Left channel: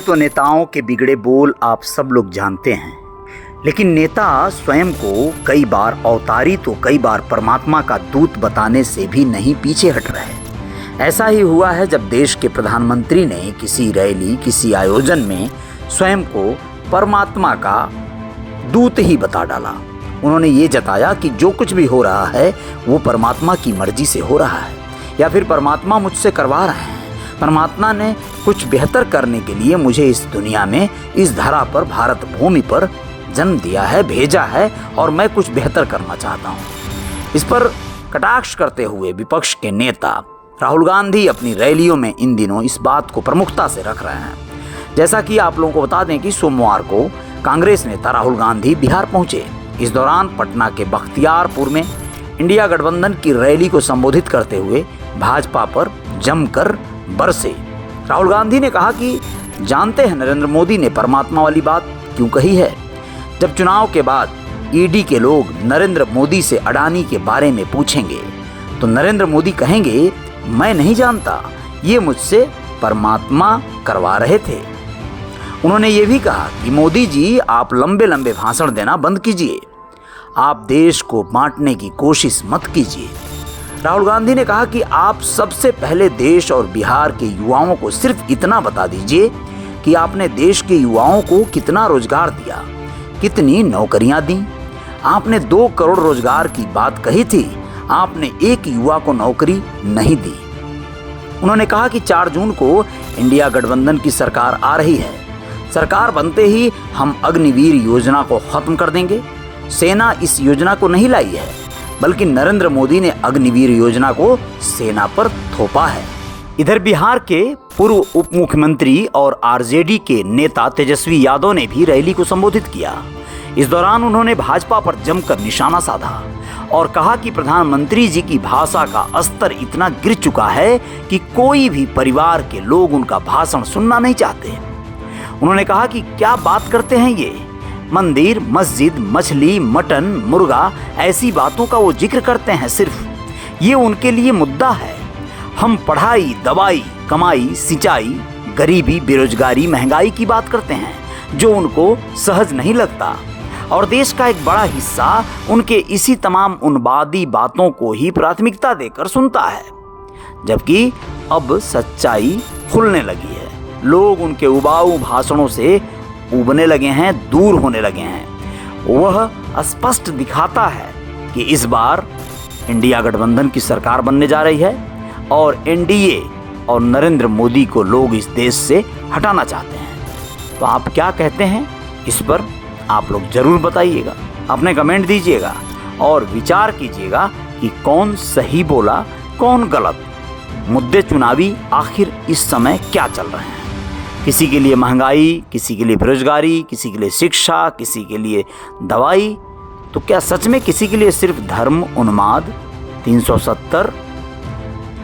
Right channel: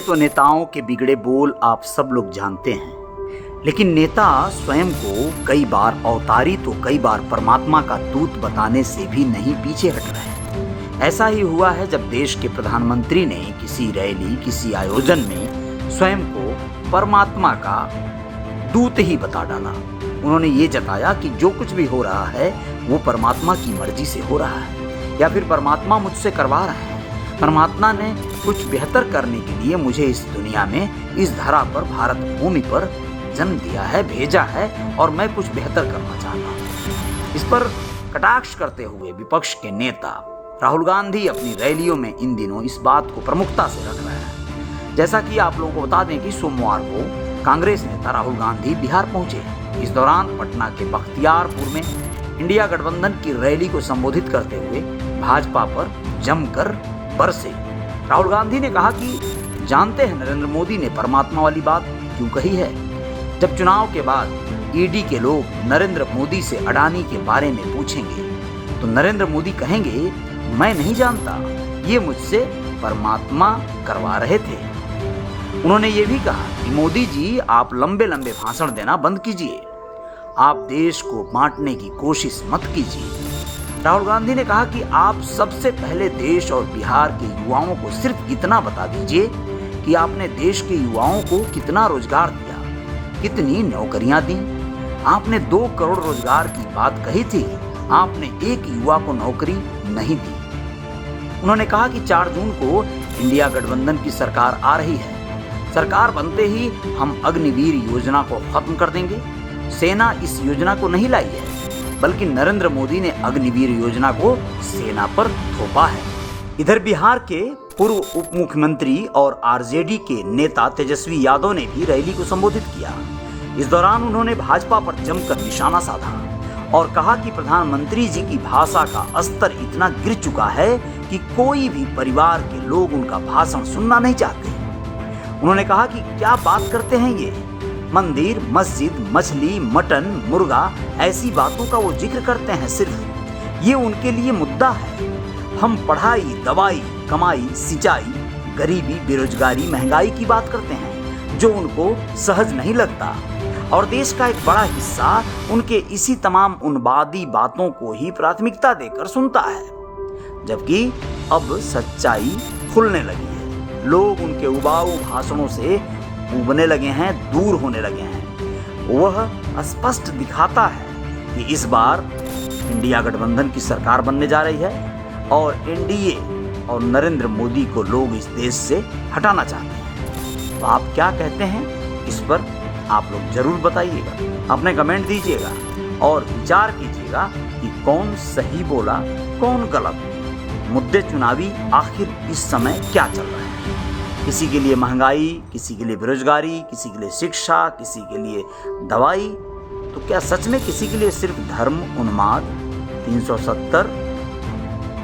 तो नेताओं के बिगड़े बोल आप सब लोग जानते हैं, लेकिन नेता स्वयं को कई बार अवतारी तो कई बार परमात्मा का दूत बताने से भी नहीं पीछे हट रहे। ऐसा ही हुआ है जब देश के प्रधानमंत्री ने किसी रैली, किसी आयोजन में स्वयं को परमात्मा का दूत ही बता डाला। उन्होंने ये जताया कि जो कुछ भी हो रहा है वो परमात्मा की मर्जी से हो रहा है, या फिर परमात्मा मुझसे करवा रहे हैं। परमात्मा ने कुछ बेहतर करने के लिए मुझे इस दुनिया में, इस धरा पर, भारत भूमि पर जन्म दिया है, भेजा है, और मैं कुछ बेहतर करना चाहता हूँ। इस पर कटाक्ष करते हुए विपक्ष के नेता राहुल गांधी अपनी रैलियों में इन दिनों इस बात को प्रमुखता से रख रहे हैं। जैसा कि आप लोगों को बता दें कि सोमवार को कांग्रेस नेता राहुल गांधी बिहार पहुंचे। इस दौरान पटना के बख्तियारपुर में इंडिया गठबंधन की रैली को संबोधित करते हुए भाजपा पर जमकर बरसे। राहुल गांधी ने कहा कि जानते हैं नरेंद्र मोदी ने परमात्मा वाली बात क्यों कही है। जब चुनाव के बाद ईडी के लोग नरेंद्र मोदी से अडानी के बारे में पूछेंगे तो नरेंद्र मोदी कहेंगे, मैं नहीं जानता, ये मुझसे परमात्मा करवा रहे थे। उन्होंने ये भी कहा कि मोदी जी, आप लंबे लंबे भाषण देना बंद कीजिए, आप देश को बांटने की कोशिश मत कीजिए। राहुल गांधी ने कहा कि आप सबसे पहले देश और बिहार के युवाओं को सिर्फ इतना बता दीजिए कि आपने देश के युवाओं को कितना रोजगार दिया, कितनी नौकरियां दी। आपने 2 करोड़ रोजगार की बात कही थी, आपने एक युवा को नौकरी नहीं दी। उन्होंने कहा कि 4 जून को इंडिया गठबंधन की सरकार आ रही है। सरकार बनते ही हम अग्निवीर योजना को खत्म कर देंगे। सेना इस योजना को नहीं लाई है, बल्कि नरेंद्र मोदी ने अग्निवीर योजना को सेना पर थोपा है। इधर बिहार के पूर्व उप मुख्यमंत्री और आरजेडी के नेता तेजस्वी यादव ने भी रैली को संबोधित किया। इस दौरान उन्होंने भाजपा पर जमकर निशाना साधा और कहा कि प्रधानमंत्री जी की भाषा का स्तर इतना गिर चुका है कि कोई भी परिवार के लोग उनका भाषण सुनना नहीं चाहते। उन्होंने कहा कि क्या बात करते हैं ये, मंदिर, मस्जिद, मछली, मटन, मुर्गा, ऐसी बातों का वो जिक्र करते हैं। सिर्फ ये उनके लिए मुद्दा है। हम पढ़ाई, दवाई, कमाई, सिंचाई, गरीबी, बेरोजगारी, महंगाई की बात करते हैं, जो उनको सहज नहीं लगता। और देश का एक बड़ा हिस्सा उनके इसी तमाम उन्मादी बातों को ही प्राथमिकता देकर सुनता है। जबकि अब सच्चाई खुलने लगी है। लोग उनके उबाऊ भाषणों से उबने लगे हैं, दूर होने लगे हैं। वह स्पष्ट दिखाता है कि इस बार इंडिया गठबंधन की सरकार बनने जा रही है और एनडीए और नरेंद्र मोदी को लोग इस देश से हटाना चाहते हैं। तो आप क्या कहते हैं, इस पर आप लोग जरूर बताइएगा, अपने कमेंट दीजिएगा और विचार कीजिएगा कि कौन सही बोला, कौन गलत। मुद्दे चुनावी आखिर इस समय क्या चल रहे हैं? किसी के लिए महंगाई, किसी के लिए बेरोजगारी, किसी के लिए शिक्षा, किसी के लिए दवाई, तो क्या सच में किसी के लिए सिर्फ धर्म, उन्माद, 370,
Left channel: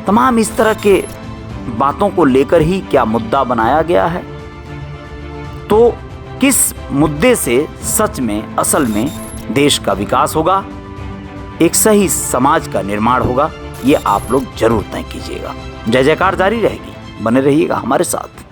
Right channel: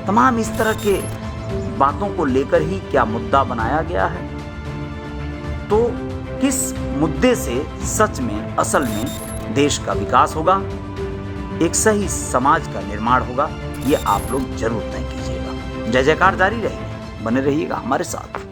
तमाम इस तरह के बातों को लेकर ही क्या मुद्दा बनाया गया है? तो किस मुद्दे से सच में, असल में देश का विकास होगा, एक सही समाज का निर्माण होगा, ये आप लोग जरूर तय कीजिएगा। जय जयकार जारी रहेगी, बने रहिएगा हमारे साथ।